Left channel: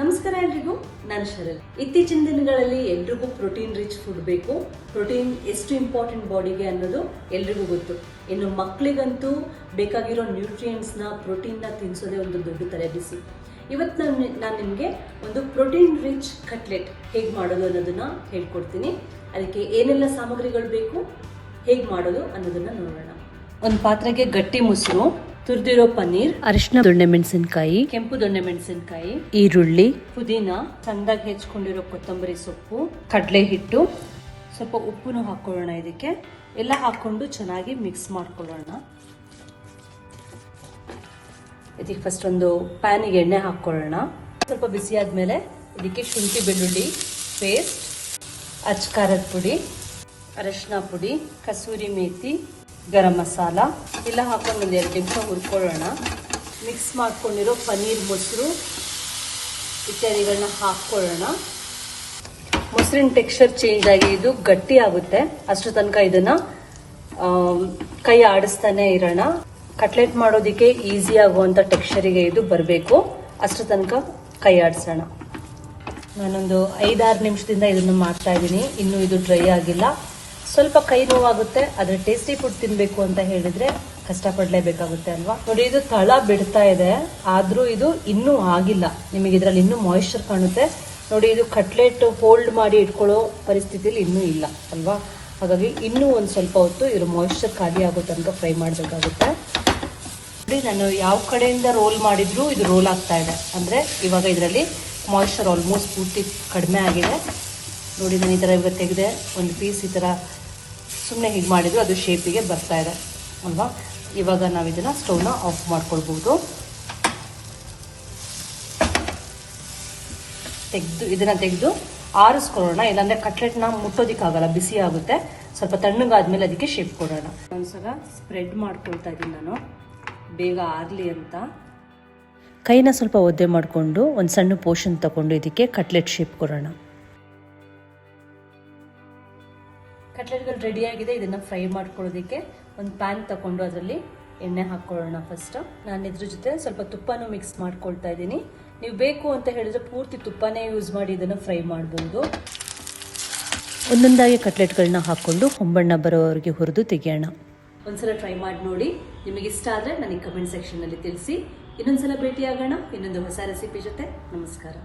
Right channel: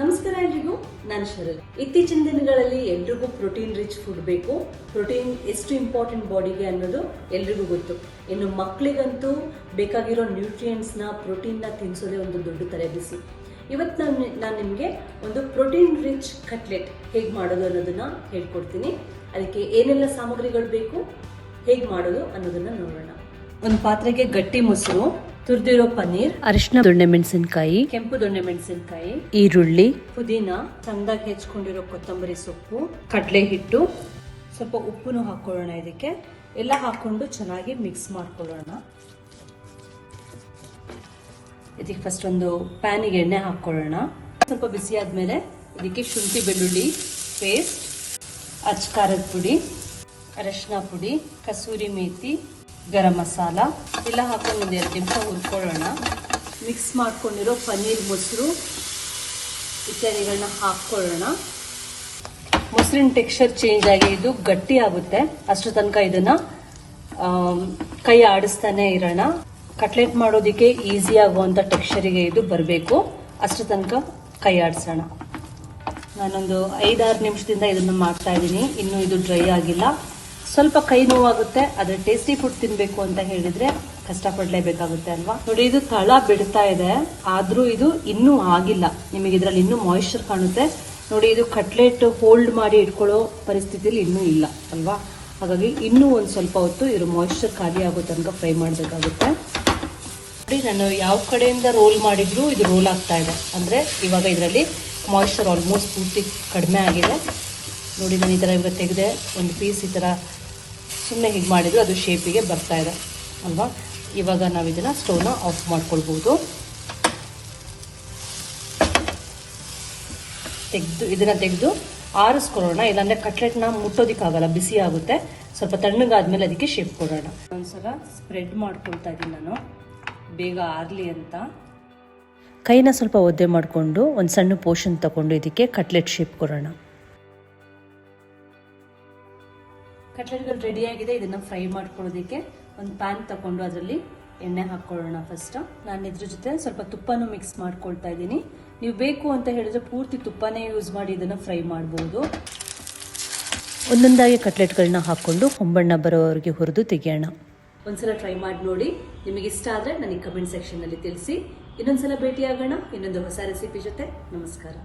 ನಮಸ್ಕಾರ ಎಲ್ರಿಗೂ, ನಾನು ಶರಲ್ ಇತ್ತೀಚಿನ ದಿನಗಳಲ್ಲಿ ಎಲ್ರಿಗೂ ಪ್ರೋಟೀನ್ ರಿಚ್ ಫುಡ್ ಬೇಕು. ಪ್ರೋಟೀನ್ ಎಷ್ಟು ಇಂಪಾರ್ಟೆಂಟ್ ಬಾಡಿಗೆ ಅನ್ನೋದು ಎಲ್ರಿಗೂ ಗೊತ್ತು. ಇನ್ನು ಮಕ್ಕಳಿಗಂತೂ ಬೇಕಾಗಿರೋ ನ್ಯೂಟ್ರಿಯೆಂಟ್ಸ್ನ ಪ್ರೋಟೀನ್ನ ತಿನ್ನಿಸೋದೇ ಒಂದು ದೊಡ್ಡ ತಲೆಬಿಸಿ ಇವತ್ತು ನಾನು ನಾನು ನಿಮಗೆ ಒಂದು ಪ್ರೋಟೀನ್ ರಿಚ್ ಕಟ್ಲೆಟ್ ಹೇಗೆ ಮಾಡೋದು ಅನ್ನೋದನ್ನ ಹೇಳ್ಕೊಡ್ತೀನಿ. ಅದಕ್ಕೆ ಏನೆಲ್ಲ ಸಾಮಗ್ರಿಗಳು ಬೇಕು, ಹೇಗೆ ಮಾಡೋದು ಅನ್ನೋದನ್ನ ನೋಡೋಣ. ಒಂದು ಪಾತ್ರೆಗೆ ಗಟ್ಟಿ ಮೊಸರು ತುರಿದಿರೋ ಪನ್ನೀರ್. ಅರಿಶಿನ ದೊಣ್ಣೆ ಮೆಣಸಿನಕಾಯಿ. ಕೆಂಪು ದೊಣ್ಣೆ ಮೆಣಸಿನಕಾಯಿ. ಈರುಳ್ಳಿ. ಪುದೀನ ಸಣ್ಣದಾಗಿ ಹೆಚ್ಕೊಂಡಿರೋ ಕೊತ್ತಂಬರಿ ಸೊಪ್ಪು ಕಡಲೆ ಹಿಟ್ಟು ಸ್ವಲ್ಪ ಉಪ್ಪುನು ಹಾಕೊಳ್ಳೋಣ ಇದಕ್ಕೆ. ಎಲ್ಲ ಹಾಕೊಂಡು ಚೆನ್ನಾಗಿ ಮಿಕ್ಸ್ ಮಾಡ್ಕೊಳ್ಳೋಣ. ಇದಕ್ಕೆ ಫಸ್ಟ್ ಒಂದು ಪ್ಯಾನಿಗೆ ಎಣ್ಣೆ ಹಾಕೊಳ್ಳೋಣ ಸ್ವಲ್ಪ ಬಿಸಿ ಆದ್ಮೇಲೆ ಇದಕ್ಕೆ ಶುಂಠಿ ಬೆಳ್ಳುಳ್ಳಿ ಪೇಸ್ಟ್ ಅಚ್ಕಾರದ ಪುಡಿ ಅರಶಿನ ಪುಡಿ ಕಸೂರಿ ಮೇಥಿ ಗರಂ ಮಸಾಲ. ಎಲ್ಲ ಹಾಕೊಂಡು ಒಂದು ಎರಡು ನಿಮಿಷ ಹುರ್ಕೊಳ್ಳೋಣ. ಮಿಕ್ಸ್ ಮಾಡ್ಕೊಂಡಿರೋ ಪನ್ನೀರ್ ಮೊಸರು ಇತ್ಯಾದಿಗಳನ್ನ ಹಾಕೊಳ್ಳೋಣ ಮೊಸರಿನ ಟೆಕ್ಸ್ಚರ್ ಚೇಂಜ್ ಆಗಿ ಇದು ಗಟ್ಟಿ ಆಗುತ್ತೆ. ಅಷ್ಟು ತನಕ ಇದನ್ನ ಕೈ ಆಡಿಸ್ತಾನೆ ಇರೋಣ. ಕಟ್ಲೆಟ್ ಮಾಡೋದಕ್ಕೆ ಈಸಿ ಆಗುವಂತ ಟೆಕ್ಸ್ಚರಿಗೆ ಇದು ಬರಬೇಕು. ಅಷ್ಟು ತನಕ ಕೈ ಆಡಿಸೋಣ. ನಾನೊಂದು ಐದಾರು ನಿಮಿಷದಿಂದ ಇದನ್ನು ಮಾಡ್ತಾ ಇದ್ದೀನಿ. ಇನ್ನೂ ಇದು ಡ್ರೈ ಆಗಿಲ್ಲ. ಸ್ವಲ್ಪ ಕೈ ನೋವಾಗುತ್ತೆ ಆದ್ರೆ ಟೇಸ್ಟಿ ಫುಡ್ ತಿನ್ಬೇಕು ಅಂತ ಹೇಳಿದ್ರೆ ಕಷ್ಟಪಡ್ಲೇಬೇಕಾಗುತ್ತೆ ಅಲ್ವಾ? ನೋಡಿ, ಇದು ತಳ ಬಿಡ್ತಾ ಇದೆ. ಆದ್ರೂ ಇದು ಇನ್ನೂ ಆಗಿಲ್ಲ. ನಿಮಗೆ ಇದರಲ್ಲಿ ಇನ್ನೂ ಮಾಯಿಶ್ಚರ್ ಕಾಣುತ್ತೆ. ನೋಡಿ, ಇದು ಕಟ್ಲೆಟ್ ಹೋಲ್ಡ್ ಮಾಡಿ ಇಟ್ಕೊಳ್ಳೋ ಪರಿಸ್ಥಿತಿಯಲ್ಲಿ ಇನ್ನೂ ಇಲ್ಲ ಅಲ್ವಾ? ಹಾಗಾಗಿ ಇನ್ನೂ ಒಂದು ಸ್ವಲ್ಪ ಹೊತ್ತು ಇದ್ರ ಮಾಯಿಶ್ಚರ್ ಖಾಲಿ ಆಗುತ್ತೆ ಅಂತ ಫ್ರೈ ಮಾಡಬೇಕಾಗುತ್ತೆ. ನಾನು ಯಾವ ಕಡೆಯಿಂದ ರೋಲ್ ಮಾಡಿದ್ರು ಇದು ರೋಲ್ ಆಗ್ತಾ ಇದೆ. ಅಂದ್ರೆ ಇವಾಗ ಇದರಲ್ಲಿ ಮಾಯಿಶ್ಚರ್ ಆಲ್ಮೋಸ್ಟ್ ಪೂರ್ತಿ ಕಡಿಮೆ ಆಗಿದೆ. ನೋಡಿ, ನಾನು ಈ ಥರ ಇವಾಗ ತೆಗೆದೆ, ಒಂದು ಪೀಸ್ ಈ ಥರ ಸುಮ್ಮನೆ ಹೀಗೆ ಮಾಡಿದ್ರು, ಅದು ಶೇಪಿಗೆ ಬರ್ತಾ ಇದೆ ಅಲ್ವಾ? ಇವಾಗ ನಾವು ಇದನ್ನ ಸ್ಟವ್ನ ಆಫ್ ಮಾಡ್ಕೊಳ್ಬೋದು. ತೆಗೆದು, ಇದನ್ನ ತೆಗೆದು ಆರಿಸ್ಕೊಳ್ಳೋಣ. ಇಲ್ಲಾಂದ್ರೆ ಕಟ್ಲೆಟ್ನ ಮುಟ್ಟೋದಿಕ್ಕಾಗಲ್ಲ, ಬಿಸಿ ಆಗುತ್ತೆ. ಸ್ವಲ್ಪ ತಣ್ಣಗಾದ್ಮೇಲೆ ಅದಕ್ಕೆ ಶೇಪ್ ಕೊಡೋಣ. ಒಂದ್ಸಲ ಸ್ಪ್ರೆಡ್ ಮಾಡ್ಕೊಳ್ತಾ ಇದ್ದೀನಿ ನಾನು. ಬೇಗ ಆರ್ಲಿ ಅಂತ. ಕೈನ ಸ್ವಲ್ಪ ಒದ್ದೆ ಮಾಡಿಕೊಂಡು ಒಂದು ಸಣ್ಣ ಪೋರ್ಷನ್ ತಗೊಂಡು ಇದಕ್ಕೆ ಕಟ್ಲೆಟ್ ಶೇಪ್ ಕೊಡೋಣ. ಕಟ್ಲೆಟ್ಗಳು ರೆಡಿ ಆಗಿದೆ. ಇದನ್ನು ಫ್ರೈ ಮಾಡ್ಕೊಳ್ಳೋದಕ್ಕೆ ಒಂದು ಪ್ಯಾನ್ ತಗೊಂಡು ಅದರಲ್ಲಿ ಎಣ್ಣೆ ಹಾಕ್ಕೊಳ್ಳೋಣ ಫಸ್ಟು ನಾನು ಇದ್ರ ಜೊತೆ ಸ್ವಲ್ಪ ತುಪ್ಪನೂ ಮಿಕ್ಸ್ ಮಾಡ್ಕೊಳ್ತಾ ಇದ್ದೀನಿ. ನೀವು ಬೇಕು ಅಂತ ಹೇಳಿದ್ರೆ ಪೂರ್ತಿ ತುಪ್ಪನೇ ಯೂಸ್ ಮಾಡಿ ಇದನ್ನು ಫ್ರೈ ಮಾಡ್ಬೋದು. ಒಂದೊಂದಾಗಿ ಕಟ್ಲೆಟ್ಗಳನ್ನ ಹಾಕ್ಕೊಂಡು ಹೊಂಬಣ್ಣ ಬರೋವರೆಗೆ ಹುರಿದು ತೆಗೆಯೋಣ. ಒಂದ್ಸಲ ಟ್ರೈ ಮಾಡಿ ನೋಡಿ. ನಿಮಗೆ ಇಷ್ಟ ಆದರೆ ನನಗೆ ಕಮೆಂಟ್ ಸೆಕ್ಷನ್ನಲ್ಲಿ ತಿಳಿಸಿ. ಇನ್ನೊಂದ್ಸಲ ಭೇಟಿಯಾಗೋಣ. ಇನ್ನೊಂದು ಹೊಸ ರೆಸಿಪಿ ಜೊತೆ. ನಮಸ್ಕಾರ.